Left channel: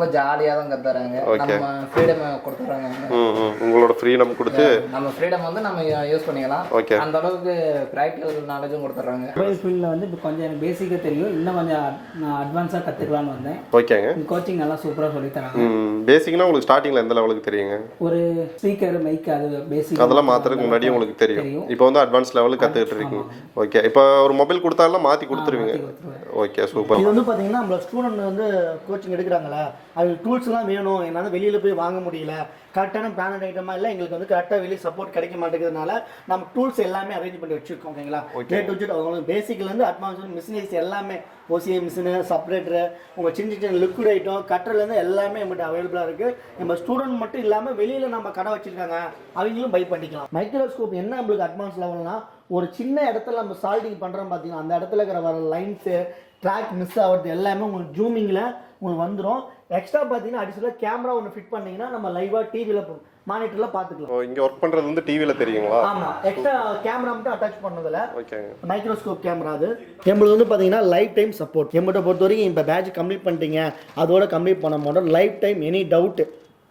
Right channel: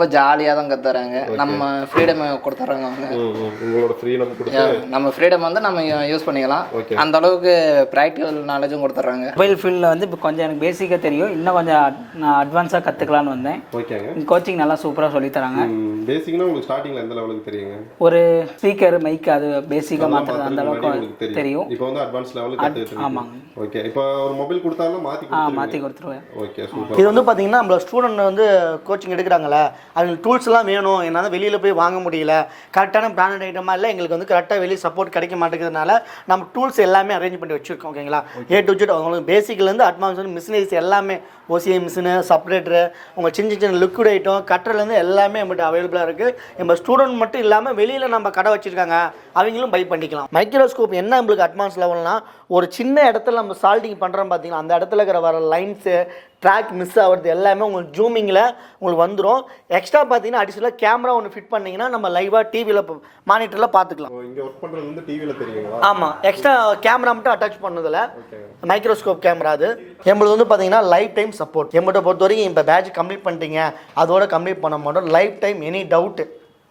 ரொம்ப ஜாலியாக தான் கற்றுறாங்க. நம்ம ஃப்ரீடம் கொடுத்துட்றாங்க அவங்க. உங்களோட ஃப்ரீடம் கொடுத்து நம்ம ஃப்ரீடம் வந்து நம்ம யூஸ் பண்ணிக்கலாம். அந்த அளவுக்கு ப்ராக்டிக்கல் நாலேஜும் கொடுத்துட்றாங்க. மொபைல் ஃபீல்டில் வந்து இப்போ கொஞ்சம் எனக்கு பேசிக்காக தெரியும், இன்னும் கொஞ்சம் நான் அட்வான்ஸாக கற்றுக்கலான்னு வந்தேன். ஓகேங்க. கோச்சிங் நல்லா சூப்பராக சொல்லித்தராங்க. பேசிக்னா உங்களுக்கு ஸ்டார்டிங்கில் எந்த லெவலுக்கு தெரியுங்க? ஒரு ஸ்பீக்கர் மைக் அது பேசிக்காக அதெல்லாம் மாற்றுறதுக்கு முன்னாடி உங்களுக்கு தெரியும். இப்போ வந்து அட்வான்ஸ் லெவலுக்கு கற்றுக்கிட்டு இருக்கீங்க. ஓகே. இப்போ ஒரு மொபைல் கொடுத்தாலும் மாற்றி கொடுத்துருவேன். Okay, super. இது வந்து பார்த்தீங்கன்னா நம்மளோட ஸ்டூடெண்ட் வந்து கோச்சிங் எடுக்கிறாங்களே, அவங்களுக்கு டூல்ஸ்லாம் வேணும், என்னால் வெளியில் போய் வாங்க முடியல, கரெக்டான பிராண்டட் ஐட்டமாக இல்லை, எங்களுக்கு வந்து கரெக்டாக வெளியே சப்போர்ட் கிடைக்க மாட்டேங்கிறதுனால நம்ம டூல்ஸ் எல்லாமே அரேஞ்ச் பண்ணி வச்சுருக்கோம். ஓகேங்களா? ஏ டு ஜெட் அவங்களுக்கு பேசிக்லேருந்து அட்வான்ஸ் மிஷினரிஸ் எல்லாமே, OCA மிஷினு, செப்பரேட்டரு, உங்கள் சின்ன சின்ன லிக்விட் ஐட்டம் கட்டர்லேருந்து எல்லாமே நம்மகிட்ட அவைலபிளாக இருக்குது. நம்ம ஸ்டூடெண்ட் மட்டும் இல்லாமல் வெளியில் நம்ம கடை வச்சுருக்காங்க, அவங்களும் பை பண்ணிக்கலாம். மைக்ரோஸ்கோப் என்ன நம்மளுக்கு அட்வான்ஸ் லெவல்னா, ஒரு சின்ன இடத்துல நம்ம சால்டிங் பண்ணுறோம் பார்த்தீங்கன்னா, அந்த இடத்துல இருக்கிற வர லைன்ஸு ட்ராக் மிஸ் ஆகிறது எல்லாமே உங்களுக்கு ஜூமிங்கில் உங்களுக்கு வந்துடும். எக்ஸ்ட்ரா பார்த்தீங்கன்னா அடிஷனலாக கேமரா ஒன்று ஃபிட் பண்ணிங்கன்னா நம்ம லைவாக டிவியில் மானிட்டரில் பார்த்துக்கலாம். இங்கே ஒர்க் பண்ணுறது வந்து டிவியில் தெரியுங்களா? ஆமாம், எக்ஸ்ட்ரா கேமரா மட்டும் அட்டாச் பண்ணதில்ல, மைக்ரோஸ்கோப் கேமரா. அது நம்மளுக்கு வந்து பார்த்தீங்கன்னா லைஃப் டைம் சப்போர்ட். நம்மகிட்ட பொறுத்த வரைக்கும் இப்போ பேட்ச் கம்ப்ளீட் பண்ணிட்டீங்க, அதோட கம்ப்ளீட் பண்ண மாட்டோம். Life time any doubt,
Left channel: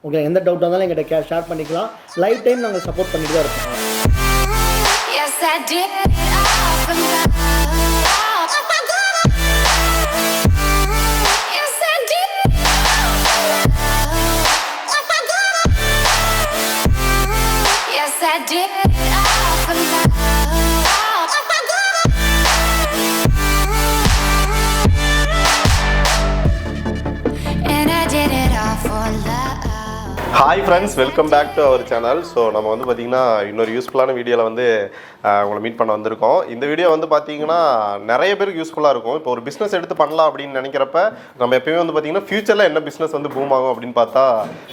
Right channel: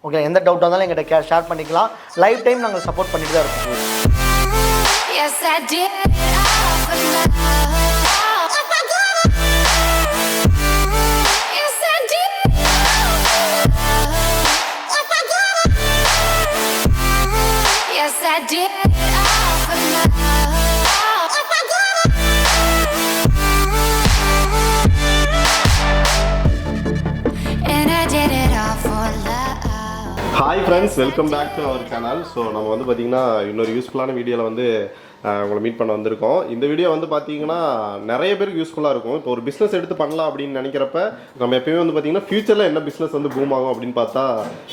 okay, எந்த டவுட் வந்தாலும் எங்கிட்ட ஷேர் பண்ணிக்கலாம். லைஃப் டைம் நாங்கள் சப்போர்ட் பண்ணிட்டு தான் இருக்கோம். Hi friends, welcome back to our channel. So நம்ம வந்து பார்த்திங்கன்னா இன்னொரு யூஸ்ஃபுல்லான வீடியோவில் வந்து உங்களை மீட் பண்ண வந்திருக்கோம். இந்த வீடியோ வந்து பார்த்தீங்கன்னா நிறைய பேருக்கு யூஸ்ஃபுல்லாக இருக்கும். இப்போ ஒரு பிஸ்னஸ் எடுத்து பண்ணலாம் அப்படின்னு நினைக்கிறப்ப நம்ம எப்பயுமே வந்து பார்த்திங்கன்னா ஃபியூச்சரில் என்ன பிஸ்னஸ் வந்து பூம் ஆகும் அப்படின்னு பார்த்தா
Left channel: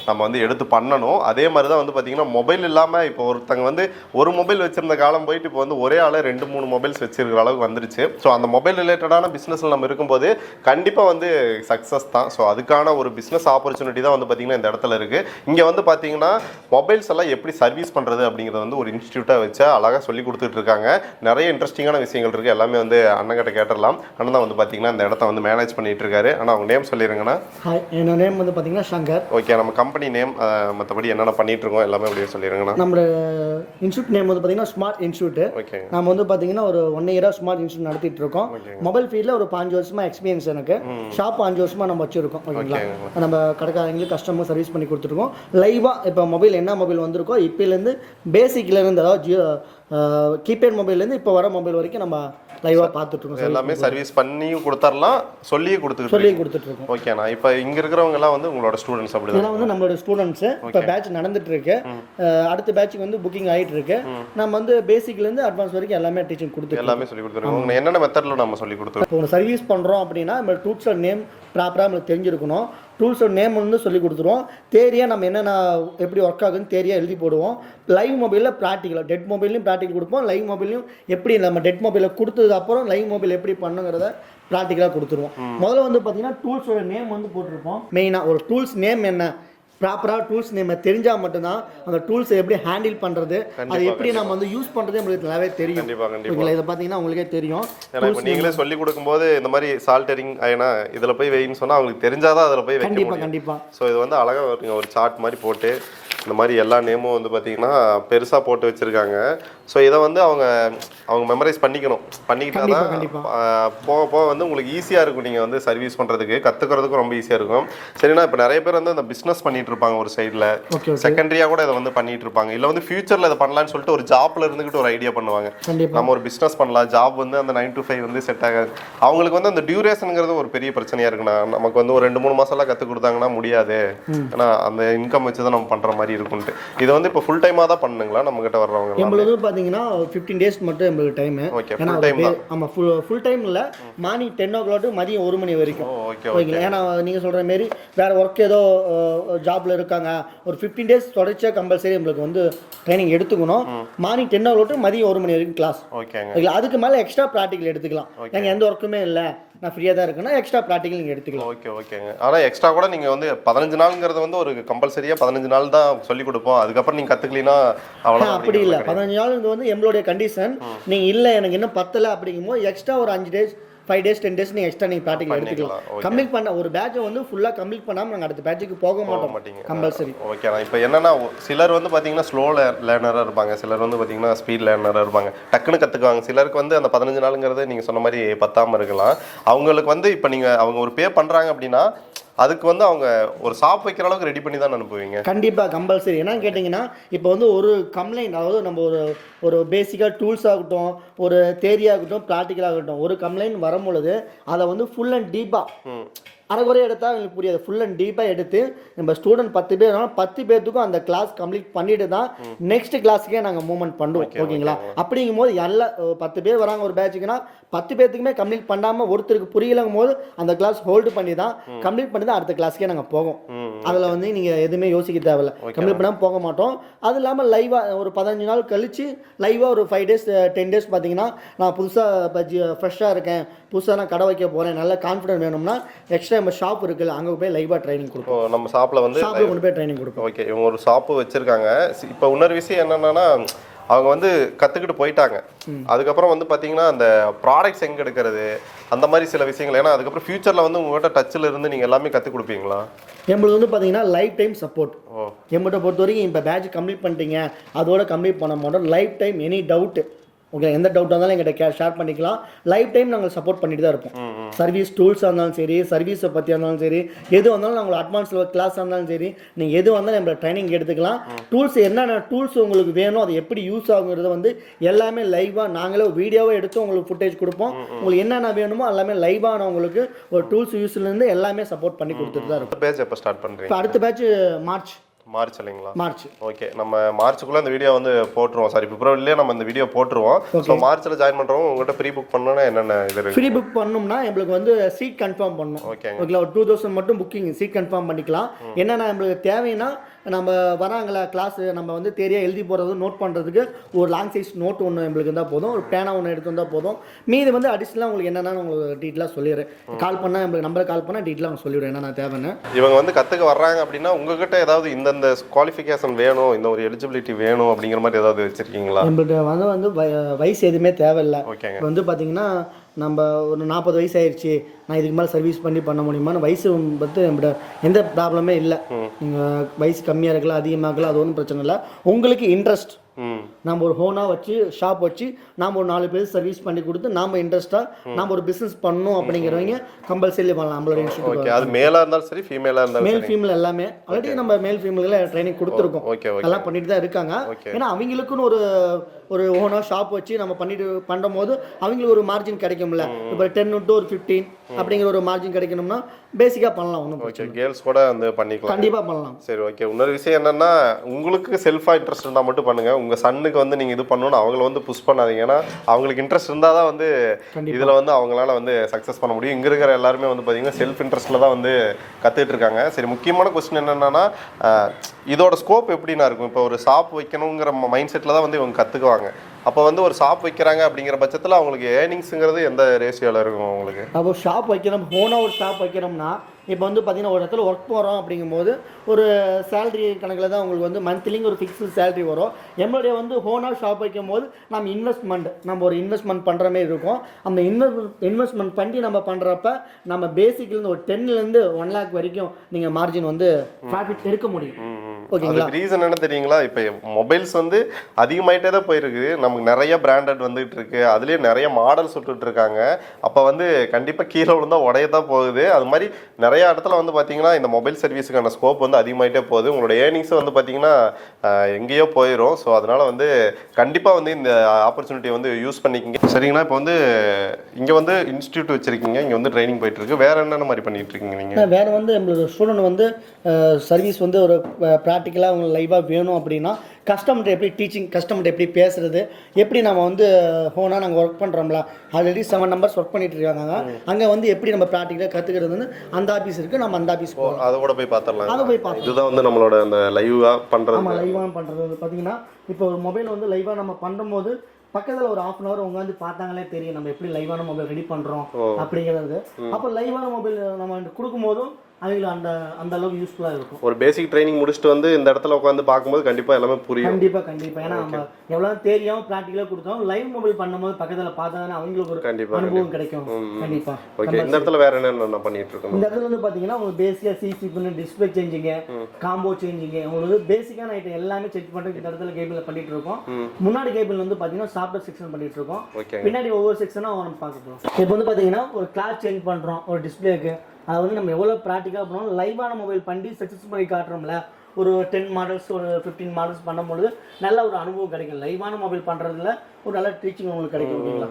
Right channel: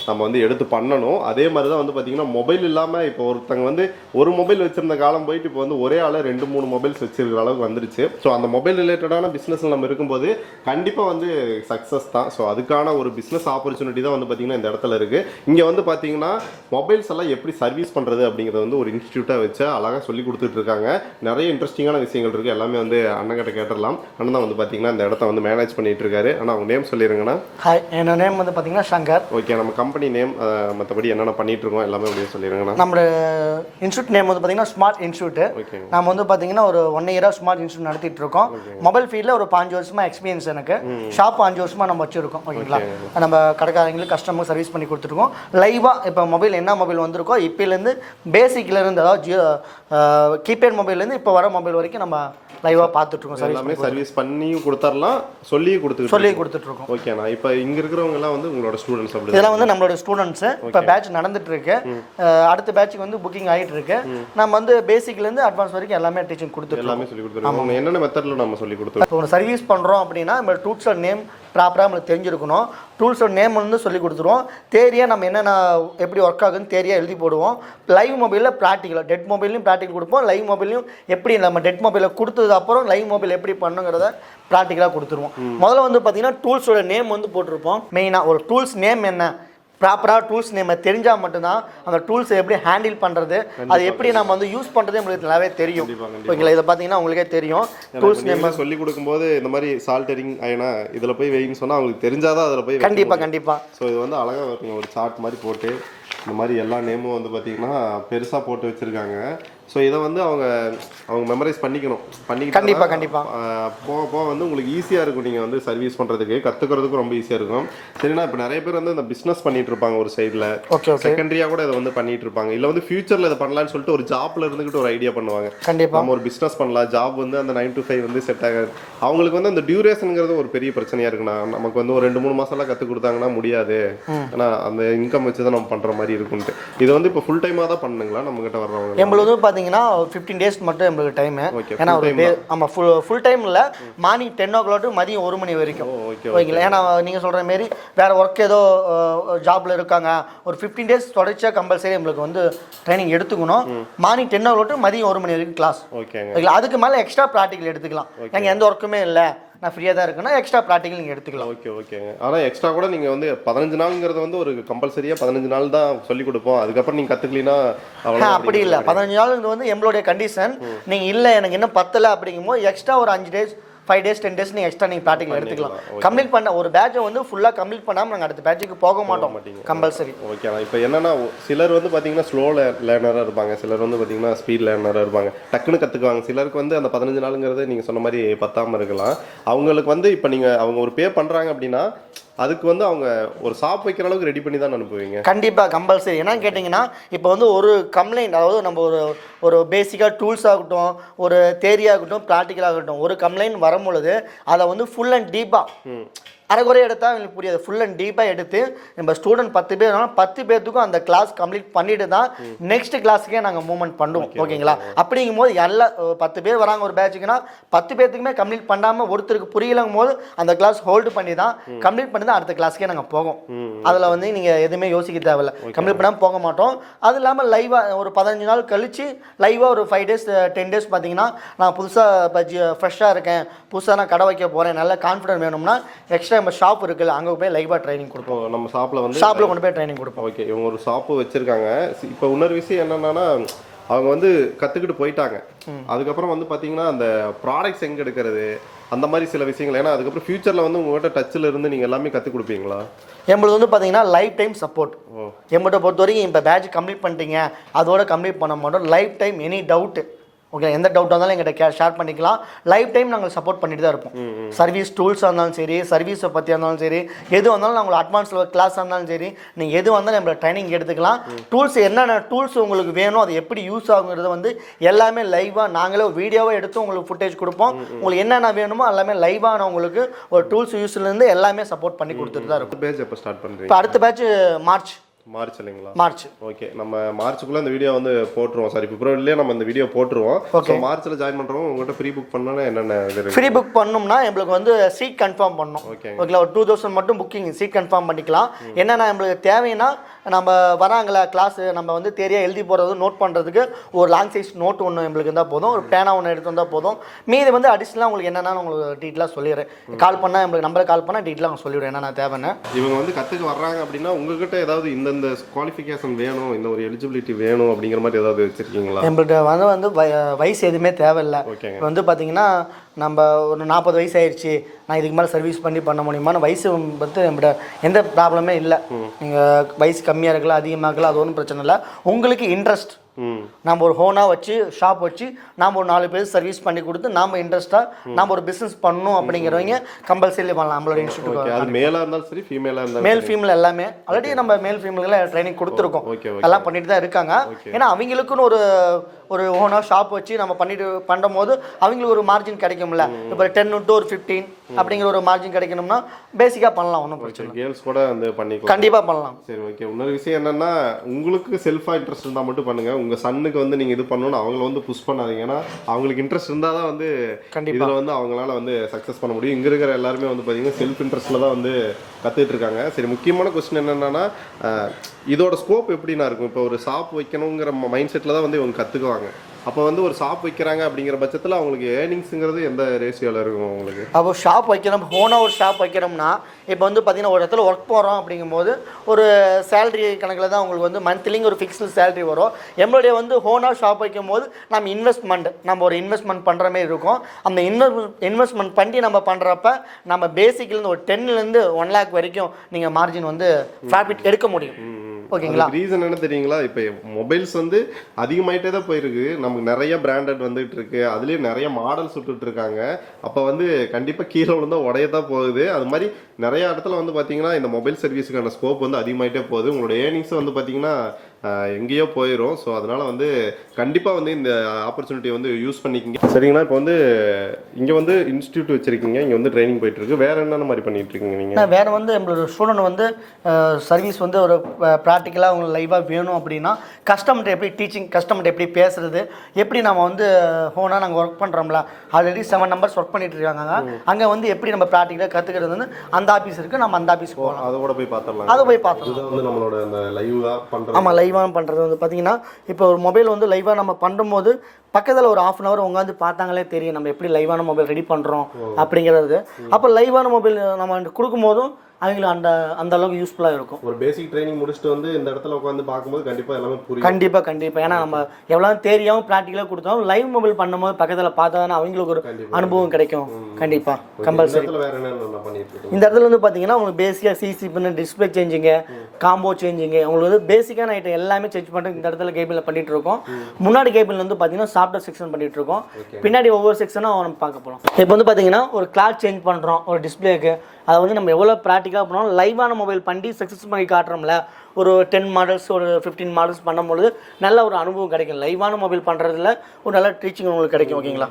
நம்ம வந்து எடுத்து பண்ணணும். அதே மாதிரி தான் வந்து பார்த்திங்கன்னா மொபைல் இல்லாமல் இப்போ ஒருத்தங்க வந்து ஒரு மொபைல் வச்சுருந்த காலம் போயிட்டு இப்போ வந்து ஒரே ஆள் 2-3 மொபைல்ஸ் வச்சிருக்கிற அளவுக்கு வந்துருச்சு. ஸோ அந்த மொபைல் ரிலேட்டடான பிஸ்னஸில் நம்ம இருக்கும்போது கண்டிப்பாக வந்து சக்ஸஸ் தான். ஸோ அதுக்கான ஒரு பிஸ்னஸ் ஆப்பர்ச்சுனிட்டி தான் வந்து பார்த்திங்கன்னா இந்த இடத்துல இருக்குது. இங்கே வந்து பார்த்திங்கன்னா மொபைல்ஸ் எல்லாம் எப்படி சர்வீஸ் பண்ணுறது அப்படிங்கிறது வந்து ஒரு இன்ஸ்டியூட்டாக வச்சு அழகாக சொல்லி கொடுத்துட்டு இருக்காங்க. நிறைய இன்ட்ரெஸ்டிங்கான விஷயங்கள் இருக்குது. எல்லாமே வந்து அண்ணங்கிட்ட கேட்டலாம். அண்ணன் தான் வந்து பார்த்தீங்கன்னா இந்த இடத்த வந்து மேனேஜ் பண்ணிட்டு இருக்காரு. ஆனால் அவங்க நேம் சொல்லிடுங்கண்ணா. ஹாய், என்னோட நேம் வந்து பார்த்தீங்கன்னா சங்கர். ஓகே, நம்ம கம்பெனி நேம், மற்றபடி என்னென்ன பண்ணிட்டு இருக்கோம் எல்லாமே அப்படின்னு சொல்லிடுங்கண்ணா. நம்ம இன்ஸ்டியூட் நேம் வந்து பார்த்தீங்கன்னா ஸ்மார்ட் இன்ஸ்டியூட். ஓகே, நம்ம வந்து பார்த்தீங்கன்னா ஒரு 1 இயராக ஸ்மார்ட் இன்ஸ்டியூட் நடத்திட்டு இருக்கோம். மொபைல் ஃபீல்டில் ஒரு 5 வருஷமாக எக்ஸ்பீரியன்ஸ் எனக்கு. ஷாப் 5 வருஷமாக நம்ம வச்சுருக்கோம். ஓகேங்களா? நம்ம கடைக்காரங்களுக்கு கஸ்டமர் சர்வீஸ் பண்ணி கொடுத்துருக்கோம். லைவாக இப்போ மொபைல் என்ன மொபைல் வந்திருக்கோ இப்போலேருந்து பேசிக்லேருந்து, அதாவது கீபேட் மொபைல்லேருந்து இப்போ வர மொபைல் வரைக்கும் நம்ம லைவாக பார்த்துட்ருக்கோம். எல்லாமே சர்வீஸ் பண்ணி கொடுத்துடலாம், சொல்லி கொடுத்துட்ருக்கோம். ஓகேண்ணா. இப்போ இங்கே இருக்கிறவங்க எல்லாம் வந்து உங்களோட ஸ்டூடெண்ட்ஸ்? அப்படி இதெல்லாம் வந்து நம்மளோட ஸ்டூடெண்ட்ஸு. இப்போ பேட்ச் நடந்துட்டு இருக்கு. அடுத்த பேட்சுக்கு வந்து புக்கிங் ஆகிட்டு இருக்கு. நம்ம வந்து பேசிக்லேருந்து அட்வான்ஸ் வரைக்கும் எல்லாமே டீச்சிங் கொடுத்துருக்கோம். எல்லாமே சொல்லி கொடுத்துருக்கோம். என்னென்ன மெத்தடில் நம்ம சொல்லி கொடுத்துருக்கோம்? இப்போ ஒரு சர்வீஸ் பண்ணுறோம் அப்படின்னா நம்ம டூல்ஸோட நேம் ப்ராப்பராக நம்மளுக்கு தெரிஞ்சிருக்கணும். டூல்ஸோட நேம் வந்து சொல்லி கொடுத்துருவோம். தேரியாக நம்ம என்னென்ன எப்படி ஒர்க் ஆகுதுன்னு தேரியாக எழுதி போடுவோம். லைவ் மொபைலில் ப்ராக்டிக்கலாக, டெட் மொபைல்லையும் ப்ராக்டிக்கல் கொடுப்போம். லைவ் மொபைலையும் எப்படி நம்ம டெட் மொபைலை கொடுத்ததுக்கப்புறம் லைவ் மொபைல் எப்படி பண்ணுங்கிறத ப்ராக்டிக்கலாக கொடுத்துருவோம். முதல்ல வந்து பார்த்தீங்கன்னா டூல்ஸோட நேம் வந்து போட்டிருப்போம். மெயினாக ஒரு டூல்ஸ் நேம் என்ன, ப்ராப்பராக டூல்ஸ் நேம் தெரிஞ்சால் மட்டும்தான் அந்த டூல்ஸ் எப்படி ஹேண்டில் பண்ணுறது, அது எப்படி நம்ம வந்து யூஸ் பண்ணுறதே உங்களுக்கு நல்லாவே தெரியும். ஓகேங்களா? இதை பார்த்தீங்கன்னா உங்களுக்கே தெரியும். டூல்ஸ் நேம் சொல்லி கொடுக்கும்போது இந்த மாதிரி சால்டரிங் ஆயினா இதில் போய் வெயின்னு சொன்னால் அவங்களுக்கு தெரிஞ்சாதான் அதில் போய் கண்டிப்பாக. ஸோ இது வந்து அழகாக ஒரு சார்ட் மாதிரி போட்டு இந்த மாதிரி எல்லா நேமும் வந்து பார்த்தீங்கன்னா பெருசாக போட்டு வச்சுருக்காங்க. ஸோ இதை வந்து அவங்க மெமரைஸ் பண்ணிக்கணும். கண்டிப்பாக போக போக வந்து உங்களுக்கு ஈஸியாக இருக்கும். நீங்கள் வந்து சர்வீஸ் பண்ணுறதுக்கு கற்றுக்கிறதுக்கும் ரொம்ப ஈஸியாக இருக்கும். சரிண்ணா, இப்போ நிறைய பேர் வந்து இந்த பிஸ்னஸ் பண்ணிட்டு இருப்பாங்க ஒரு சைடில், செகண்டரியாக கூட இதை வந்து பண்ணிட்டு இருப்பாங்க. இல்லை வந்து ஃபியூச்சரில் இதை பண்ணலான்னு சொல்லிட்டு ஒரு ஜாப்ல இருந்துக்கிட்டு ஒரு ஐடியா பண்ணுவாங்க. கண்டிப்பாக நம்ம ஒரு பிஸ்னஸ் பண்ணலாம், ஜாப் வந்து அந்த 9 to 5 வந்து செட் ஆகாது. அவங்களுக்கு வந்து அந்த டியூரேஷனுங்கிறது ஒரு பெரிய பிரச்சனையாக இருக்குண்ணா. நமக்கு வந்து ஒரு 2-3 மாதம்லாம் கற்றுக் கொடுத்தாங்கன்னா முடியாது, ஏன்னா அந்த இன்கம் வச்சு தான் நம்ம பண்ணுற மாதிரி இருக்குன்ட்டு. இது வந்து இப்போ ஃபுல் டைமாக தான் பண்ணுங்களா நம்ம கிட்ட வர்றவங்க? நம்மளுக்கு பார்த்தீங்கன்னா 15 days மட்டும் நம்மளுக்கு டைம். ஏன்னா ஆமாம், ஃபுல் டைம் இல்லை, மார்னிங் 10 o'clock to மதியம் 1 மணி வரைக்கும். ஓகேங்களா? ஏன்னா நீங்கள் சொல்கிற மாரி வேறு ஒர்க் ஏதோ ஜாப்ல இருக்காங்க, ஒரு 15 days தொடர்ச்சியாக கம்பல்சரி நம்மளுக்கு வந்து ட்ரைனிங் எடுத்துக்கணும். மார்னிங் 10 o'clock to மதியம் 1 மணி வரைக்கும் கிளாஸ். ஓகேங்களா? அதுக்கு மேலே எக்ஸ்ட்ரா ப்ராக்டிக்கல் எடுத்துக்கலாம். எனக்கு எந்த ஒர்க்குமே இல்லை, நான் ஃப்ரீயாக தான் இருக்குன்னா எக்ஸ்ட்ரா ப்ராக்டிக்கல் நீங்கள் எடுத்துக்கலாம். ஓகேங்க. ஆனால் எக்ஸ்ட்ரா கூட நீங்கள் வந்து 15 நாளுங்கிறது வந்து ஒரு கம்பல்சரியாக 15 நாள் தான் சொல்லிக் கொடுப்போம். அதுக்கப்புறம் நீங்கள் கற்றுக்கலாம் அவ்வளோ அப்படி இல்லை. 15 நாளுங்கிறது வந்து எங்களுடைய கண்டிஷன். நீங்கள் இல்லை எனக்கு இன்னும் பத்தலை அப்படிங்கும்போது எக்ஸ்ட்ரா ஒரு 5 days 5 days 10 days நீங்கள் எக்ஸ்ட்ரா நீங்கள் ப்ராக்டிக்கல் எடுத்துக்கலாம். கம்ப்ளீட் பண்ண ஒரு பேட்சை வந்து ஃபுல்லாக கம்ப்ளீட் பண்ணாமல் நாங்கள் அடுத்த பேட்சுக்கு போக மாட்டோம் கம்பல்சரி. ஓகேண்ணா. இப்போ என்னன்னா சிலர் வந்து பார்த்தீங்கன்னா ஸ்லோ லேர்னராக இருப்பாங்க, சிலர் வந்து பார்த்தீங்கன்னா ஸ்பீட் லேர்னராக இருப்பாங்க, டக்குன்னு கற்றுக்குவாங்க. சிலருக்கு வந்து அந்த 15 நாளுங்கிறது நீங்கள் சொன்ன மாதிரி பத்தாமல் இருக்கலாம். அவங்களுக்கு வந்து இப்போ நீங்கள் அவங்க ஒரு பே பண்ணுறாங்க அப்படின்னா அதுக்கு வந்து அவங்க ஒரு ஷாப் வைக்கிற அளவுக்கு ரெடி பண்ணி தான் அனுப்புவீங்க? கண்டிப்பாக கம்பல்சரி. என்னன்னு கேட்டிங்கன்னா இப்போ வந்து ஒரு கம்ப்ளைண்ட், அதாவது நம்ம ஒரு பேசிக்காக டூல்ஸ் ஆகட்டும், ஒரு தேரி ஆகட்டும், ப்ராக்டிக்கல் ஆகட்டும், ஒரு கம்ப்ளைண்ட் வரும்பொழுது அதை வந்து ஃபுல் அண்ட் டீப்பாக அரைக்குறை எடுத்தால் எங்களுக்கு புரியாது. ஃபுல் அண்ட் டீப்பாக எடுத்து நம்ம ஸ்டூடெண்ட் 10 பேர் 10 பேர்த்துக்கும் அந்த கிளாஸ் கம்ப்ளீட் பண்ணிட்டு தான் நெக்ஸ்ட் கிளாஸுக்கே நாங்கள் மூவ்மெண்ட் பண்ணுவோம். ஓகேங்களா? அப்படிங்கும் போது எல்லாம் 10 பேர் வராங்க ஒரு பேட்சுக்குன்னா 10 பேர்த்துக்குமே கம்ப்ளீட் பண்ணாமல் ஒருத்தருக்கு புரியலங்கும் போது அந்த கிளாஸ் ஹோல்டு பண்ணி தான் கம்ப்ளீட் பண்ணி தான் அடுத்த கிளாஸுக்கே நாங்கள் போவோம். அதில் வந்து நீங்கள் எதுவுமே யோசிக்க தேவையில்லை, கம்ப்ளீட் பண்ணாமல் போக மாட்டோம். அது இல்லாமல் லைவாக ஒரு 15 நாள் கழிச்சு லைவாக ஒரு 5 days 10 days பார்த்தீங்கன்னா நான் புதுசாக ஃப்ரெஷ்ஷாக இருக்கேன், புதுசாக நான் கடை வைக்க போகிறேன், நல்ல கான்ஃபிடன்ட் வேணும்னா எக்ஸ்ட்ரா நம்ம ஷாப் இருக்குல்ல அங்கே போய் லைவாக ட்ரைனிங் கொடுப்போம். நம்ம ஷாப்பில் கொண்டு போய் ட்ரைனிங் கொடுப்போம். ஓகே. இவங்க ஒரு ஷாப்பு வச்சுருக்காங்க. இப்போ இன்னொரு விஷயம் என்னென்னா அவங்க வந்து கற்றுக்கிட்டு போயிட்டாங்க, அதுக்கப்புறம் வந்து பார்த்தீங்கன்னா அந்த ப்ராடக்ட்ஸ் எங்கே எடுக்கிறது அந்த மாதிரி சில விஷயங்கள், ஏன்னா அதுக்கப்புறம் ஃபியூச்சரில் வந்து உங்கள்கிட்ட டச்சில் இருந்து நீங்கள் எல்லாமே கற்றுக் கொடுப்பீங்களா? எங்களுக்கு வந்து பார்த்தீங்கன்னா லைஃப் டைம் சப்போர்ட். எங்கள்கிட்ட பொறுத்த வரைக்கும் இப்போ பேட்ச் கம்ப்ளீட் பண்ணிட்டீங்க அதோட கம்ப்ளீட் பண்ண மாட்டோம். Life time any doubt, okay, எந்த டவுட்டாக இருந்தாலும் எங்கிட்ட ஷேர் பண்ணிக்கலாம். லைஃப் டைம் நாங்கள் சப்போர்ட் பண்ணிட்டு தான் இருப்போம். சர்வீஸ் டூல்ஸாக இருந்தாலும் சரி, சர்வீஸை பற்றியாக இருந்தாலும் சரி, எது வந்தாலும் நாங்கள் அட்வான்ஸ் கிளாஸாக இருந்தாலும் சரி, நீங்கள் எது வந்தாலும் நம்மளோட ட்ரைனிங் எடுத்துக்கலாம். டூல்ஸ் என்னென்ன டூல்ஸ் உங்களுக்கு வேணும், அது எப்படி யூஸ் ஆகுங்கிறது வந்து எல்லாமே லைவாக நாங்களே வீடியோவை எடுத்து உங்களுக்கு ஃபுட்டேஜ் கொடுப்போம். உங்களுக்கு என்னென்ன வேணுமோ எல்லாமே லைவாக நான் உங்களுக்கு ஒரு டூல்ஸ் யூஸ்லேருந்து எல்லாமே சப்போர்ட் பண்ணி கொடுத்துட்டு தான் இருக்கும். பேட்ச் எப்போ ஸ்டார்ட் பண்ணுறீங்க? இப்போ அடுத்த பேட்ச் மார்ச் இல்லைங்களா? மார்ச். ஓகே. நம்ம மார்ச்சுக்குள்ளே இந்த வீடியோ வந்து போட்டுருவோம். சாரி, பிப்ரவரிலேயே நம்ம இந்த வீடியோ போட்டுருவோம். ஸோ மார்ச்சில் ஜாயின் பண்ணுறோம். உங்கள்கிட்ட ஃப்ரீ புக் பண்ணணும்னா என்னென்ன இது? ஃப்ரீ புக் பண்ணணும்னா நம்மளுக்கு வந்து சீட் கன்ஃபார்ம் பண்ணணும். ஓகேங்களா? ஒரு 2000 மட்டும் புக்கிங் சீட் கன்ஃபார்ம் பண்ணிக்கலாம். என்னென்ன நம்மளுக்கு தேவைன்னா நம்ம வராங்களா கிளாஸு நம்ம வந்து தெரியா எழுதி போடுறது நோட் பண்ணுறதுக்கு ஒரு லாங் சைஸ் நோட் ஒன்று நம்மளுக்கு இருந்தால் போதும், ஒரு பேனா ஒன்று எடுத்து வந்தால் போதும். மீது வந்து அடிஷ்னலாக உங்களுக்கு என்னென்னா உங்களுக்கு டீட்டெயிலாக சொல்லிடுறேன். கால் பண்ணால் நம்மளுக்கு நம்பரை கால் பண்ணால் டீட்டெயிலாக அவங்க சொல்லிவிடுறேன் என்னென்ன தேவைன்னு. இவங்க வந்து கற்றுக்க வர்றாங்க அப்படின்னா உங்ககிட்ட ஏதாவது இந்தந்த குவாலிஃபிகேஷன் வேணும், இந்த ஒரு எலிஜிபிலிட்டி வேணும் அப்படிங்கிற மாதிரி ஏதாவது வச்சுருக்கீங்களா? நம்மள்கிட்ட வந்து வயசு எதுவுமே தேவையில்லை. வந்து பார்த்தீங்கன்னா நம்ம ஒரு 40 வயசு ஆயிடுச்சு, நான் இதுக்கு மேலே சர்வீஸ் பண்ண முடியுமான்னு வயசு வந்து நம்மகிட்ட எந்த ப்ராப்ளமே இல்லை. நீங்கள் வயசு கம்மியாக இருக்கலாம், அதிகமாக இருக்கலாம், அது ஒன்றும் பிரச்சனை இல்லை. உங்களுக்கு இன்ட்ரெஸ்ட், நம்ம ஒரு ஹோனாக வச்சு ஷாப் வச்சு நாம் ஒரு 4 பேர் சர்வீஸ் பண்ணி கொடுத்து நாம் இன்ட்ரெஸ்ட்டாக நாம் ஒரு பிஸ்னஸ் பண்ணணும் அப்படிங்கிறவங்க கம்பல்சரி பண்ணலாம் நம்மளோட இன்ஸ்டியூட். அது மேலாக இருந்தாலும் சரி, ஃபீமேலாக இருந்தாலும் மேல் ஃபீமேல் எல்லாமே ஆல்ரெடி நம்ம மேல் ஃபீமேலுக்குலாம் ட்ரைனிங் கொடுத்துருக்கோம். எல்லாம் பண்ணிட்டு தான் இருக்காங்க. ஏன்னா அவங்களுக்குன்னு ஒரு ஓனாக ஷாப் வச்சு நம்ம பண்ணும்போது அவங்களுக்கு ஒரு மார்ஜின் கிடைக்கும்ல. இப்போ 10 to 15 அப்படிங்கிற ஒரு மார்ஜின் கிடைக்கணும்னா பேசிக்காக பண்ணலாம், ஒன்றும் பிரச்சனை. கேர்ள்ஸ் கூட வந்து பண்ணிக்கலாம், கண்டிப்பாக பண்ணலாம். சரி, ஓகே. இன்னொரு விஷயம் என்னன்னா உங்களுக்கு செல்ஃபாக இன்ட்ரெஸ்ட் இருந்தால் மட்டும் பண்ணுங்க. உங்கள் சன்னுக்கு வந்து நீங்கள் இது பண்ணணும்னு அவங்கள வந்து புஷ் பண்ணாதீங்க. ஏன்னா அவங்களுக்கு இன்ட்ரெஸ்ட் இருந்தால் தான் வந்து இதில் வந்து அவங்களால வந்து சக்ஸஸ் பண்ண முடியும். இங்கே இருக்கிற எல்லாருமே வந்து பார்த்தீங்கன்னா செல்ஃப் இன்ட்ரெஸ்ட்டில் தான் வந்து கற்றுட்டு இருக்காங்க. சரி, முக்கியமான கொஸ்டின் என்னென்னா இதோட ஸ்கோப் எப்படின்னா இருக்கும்? இப்போ ஒரு ஷாப் வைக்கணுங்கிற மைண்ட் செட்டில் தான் வந்து இவங்க கற்றுக்குவாங்க. அப்போ வந்து ஒரு ஷாப் வைக்கிறாங்க அப்படிங்கிற பட்சத்தில் அவங்களுக்கு ஏர்னிங்ஸுங்கிறது எந்த ரேஷியோவில் இருக்கும் உங்களுக்கு? அப்போ ஷாப் வைக்கிறோம், ஹோனாக ஒரு ஷாப் வைக்கிறோம்னா இப்போ வந்து பார்த்தீங்கன்னா ஒரு இடத்துல ஒர்க் போகிறோம் அப்படிங்கும்போது ஒரு சேலரி கணக்கில் தான் உங்களுக்கு வந்து மந்த்லிங்க ஒரு ஃபிக்ஸ்டு சேலரி வரும். நம்மளுடைய வந்து ஹோனாக ஷாப் வைக்கும் போது நம்ம ஒரு இன்வெஸ்ட்மெண்ட் பண்ணுற மாதிரி இருக்கும். அந்த இன்வெஸ்ட்மெண்ட் பண்ணி நம்ம பண்ணுறப்ப நம்ம பேசிக்லேருந்து ஒரு 10லேருந்து 1 lakh வரைக்கும் நீங்கள் மார்ஜின் வந்து ப்ராஃபிட் எடுக்க முடியும். ஓகேங்களா? ரீசன் என்ன தெரியுங்களா? இப்போ மொபைல்ஸ் வந்து அதிகமாயிட்டே தான் போயிருக்கு. நமக்கு நிறைய பிராண்டட் வந்துட்டு இருக்கு, அதுலேயே நிறைய மாடல்ஸ் விட்டுட்டு இருக்காங்க. அப்போ வந்து கண்டிப்பாக கீழே விழுந்தா உடைய தான் போகுது. அது மாதிரி நிறைய இடத்துல வந்து பார்த்தீங்கன்னா இந்த மொபைல் சர்வீஸுக்கான ஸ்கோப் வந்து அதிகமாயிட்டே போகுது. உங்களோட ஏர்னிங்ஸை வந்து பார்த்தீங்கன்னா எங்கேயோ போயிடும். ஸோ அதனால வந்து கண்டிப்பாக வந்து இந்த ஆப்பர்ச்சுனிட்டி வந்து யூஸ் பண்ணிக்கிங்க. சரிங்களா? இப்போ வந்து இங்கே வந்து இன்ஸ்டியூட் வச்சிருக்கீங்க, இங்கே வந்து ட்ரைனிங் போயிட்டு இருக்கு. வேற என்னென்ன மாதிரி பண்ணிட்டு இருக்கீங்க நீங்கள்? வேற வந்து நம்மளோட ஸ்டூடெண்ட் வந்து சர்வீஸ் வந்து ஒரு ப்ராக்டிக்கலாக அவங்களுக்கு லைவாக வேணும் அப்படின்னா கஸ்டமர்கிட்ட எப்படி டீச்சிங், கஸ்டமர்கிட்ட எப்படி பேசுறது, எப்படி நம்ம வந்து ஹோனாக நாங்கள் ஒர்க் பண்ணுறோம்ல, ஆல்ரெடி 7 numbers ஒர்க் பண்ணிட்டு இருக்காங்க. அங்கே வந்து எப்படி நம்ம ப்ராக்டிக்கலாக கற்றுக்கிறதுன்னு அந்த ஆஃபீஸ் இருக்குது, நம்ம அந்த ஆஃபீஸ் போகலாம். அதை கூட போய் பார்த்துடலாம். அதை போய் பார்த்து இதுதான் வந்து நம்மளோட அந்த லைவாக பண்ணுறது. ஆமாம், லைவாக பண்ணுறது வந்து பார்த்தீங்கன்னா இப்போ ஒரு மொபைல் வந்து லைவாக நம்ம பண்ணும்போது பக்கத்தில் ஒரு 1/2 hour உட்காந்து பார்த்தாங்களே தெரியும் நம்ம எப்படி லைவான மொபைல் ரெடி பண்ணுறோம் அப்படிங்கிறது. அப்போ லைவான மொபைல் நம்ம கொடுக்கும் போதும் அவங்களுக்கு அந்த அளவுக்கு யூஸ்ஃபுல்லாக இருக்கும். ஒரு பேசிக் ட்ரைனிங் முடிச்சுட்டு வந்து இந்த இடத்துல உட்காந்து பார்க்கும்போது கண்டிப்பாக எல்லாமே புரியும். கண்டிப்பாக ஏன்னா நம்ம எவ்வளோ தேரியாவும் ப்ராக்டிக்கலாக கொடுத்தோம் லைவ் மொபைல் பண்ணும்போது பக்கத்தில் பார்த்தா தானே அவங்களுக்கு ஒரு அனுபவம் கிடைக்கும். கண்டிப்பாக இந்த இடத்துல வேற என்ன பண்ணிட்டு இருக்கோம்? இந்த இடத்துல வந்து பார்த்தீங்கன்னா உங்களுக்கு பேசிக்காக சிசி பண்ண டிஸ்பிளே சேஞ்சிங்க, காம்போ சேஞ்சிங்க, உங்களுக்கு வந்து பேசிக்கான ஐட்டம் எல்லாமே சேஞ்ச் பண்ணுறது இந்த இடத்துல கேபிளில் பண்ணிட்டு இருக்கோம். முன்னாடி கேபிள் வந்து பார்த்தீங்கன்னா சாஃப்ட்வேர் செக்ஷன் பண்ணிட்டு இருக்கோம். பின்னாடி ஒவ்வொரு செக்ஷனாக நம்ம பார்க்க போகிறோம். இப்போ வந்து பார்த்தீங்கன்னா ஒரு கிளாத் சேஞ்ச் பண்ணுறோம் ஒரு டிஸ்பிளேக்கு, அதை வந்து நம்ம எவ்வளோ ப்ராக்டிக்காக பண்ணோம் லைவான மொபைல் பண்ணி சக்ஸஸ் பண்ணி காட்டுறோம்ல. ஒரு 10 மாடல்ஸ் ஒரு 15 மாடல்ஸ் பண்ணும்பொழுது நல்ல ஒரு அனுபவம் கிடைக்கும். லைவான மொபைல் பண்ணுறதுல ஒரு நல்ல டீச்சிங் உங்களுக்கு கிடைக்கும். ஓகேங்களா,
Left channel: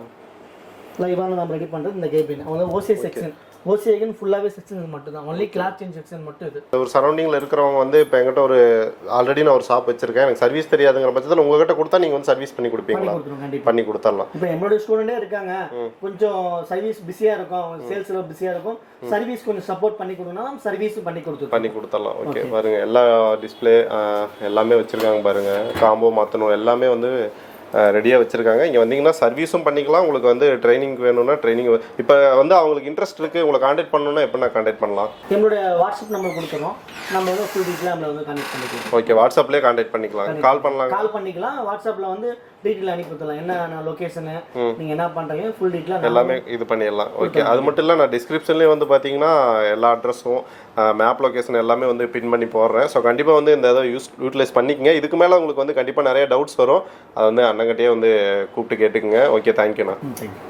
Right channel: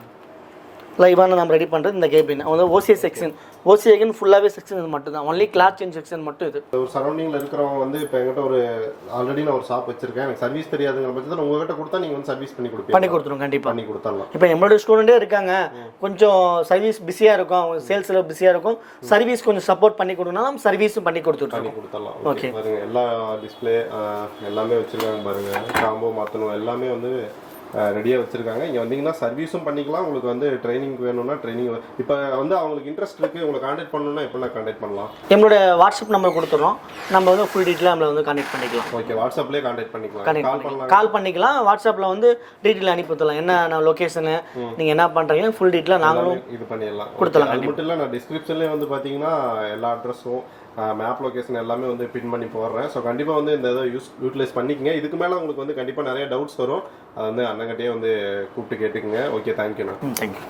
லைவான நம்ம ரெடி பண்ணுறது இந்த கேபின் வந்து ஓசிஏ செக்ஷன். ஓசிஏக்கு ஃபுல்லாகவே செக்ஷன் இது மட்டும் தான், ஒன்லி கிளாத் சேஞ்ச் செக்ஷன் மட்டும். இது ஒரு சரௌண்டிங்கில் இருக்கிறவங்க வந்து இப்போ எங்கிட்ட ஒரு ஆல்ரெடி நான் ஒரு ஷாப் வச்சிருக்கேன், எனக்கு சர்வீஸ் தெரியாதுங்கிற பட்சத்தில் உங்ககிட்ட கொடுத்தா நீங்கள் வந்து சர்வீஸ் பண்ணி கொடுப்பீங்க? பண்ணி கொடுத்துருவோம், கண்டிப்பாக பண்ணி கொடுத்துடலாம். இப்போ நம்மளோட ஸ்டூடெண்ட்டே இருக்காங்க, கொஞ்சம் சர்வீஸ் பிஸியாக இருக்கும், அவங்க சேல்ஸில் பிஸியாக இருக்கும், சர்வீஸ் கொஞ்சம் சப்போர்ட் பண்ணி கொடுக்கணும், நம்ம சர்வீஸும் பண்ணி கொடுத்துடலாம். ஓகே, பாருங்க எல்லா டிஸ்பிளே எல்லாமே வச்சிருக்காங்க பாருங்க, காம்போ மாற்றணும் எல்லாமே வந்து ரெடியாக வச்சுருக்காங்க. இங்கே வந்தீங்கன்னா சர்வீஸும் பண்ணிக்கலாம். உங்களுக்கு வந்து ட்ரைனிங் வேணும்னா ட்ரைனிங், இப்போ வந்து அவங்களுக்கு இன்ட்ரெஸ்ட் இருக்குது, உங்களை கான்டாக்ட் பண்ணணும்னா எப்போ நான் கான்டாக்ட் பண்ணலாம்? நம்மளோட வாட்ஸ்அப் நம்பர் கொடுத்துறோம், நம்ம வந்து ஃபுல் டீட்டெயிலாக நம்மளை வந்து கான்டாக்ட் பண்ணிக்கலாம். ஓகே, வாட்ஸ்அப்லேயே கான்டாக்ட் பண்ணிக்கலாம், கால் பண்ணிக்கலாம். வாட்ஸ்அப்பில் வந்து டீட்டெயில் அனுப்பிவிடலாம், என்ன லொக்கேஷனு நீங்கள் என்ன பண்ணுறீங்க ஃபுல் டீட்டெயிலாக எல்லாமே இது பண்ணிடலாம். ஓகே, அது மட்டும் இல்லை நான் டிஸ்கிரிப்ஷன்லேயே வந்து பார்த்தீங்கன்னா எல்லா அட்ரஸும் மேப் லொக்கேஷன் எல்லாமே வந்து பின் பண்ணி போடுறேன். ஸோ கண்டிப்பாக வந்து இந்த இதை யூட்டிலைஸ் பண்ணிக்கங்க. இதுக்கு மேலே உங்களுக்கு வந்து கண்டிப்பாக நிறைய டவுட்ஸ் வரும், அதை வந்து அண்ணங்கிட்டே வந்து கூப்பிட்டு கேட்டுக்குங்க. ஓகே, தேங்க்யூண்ணா. தேங்க்யூ.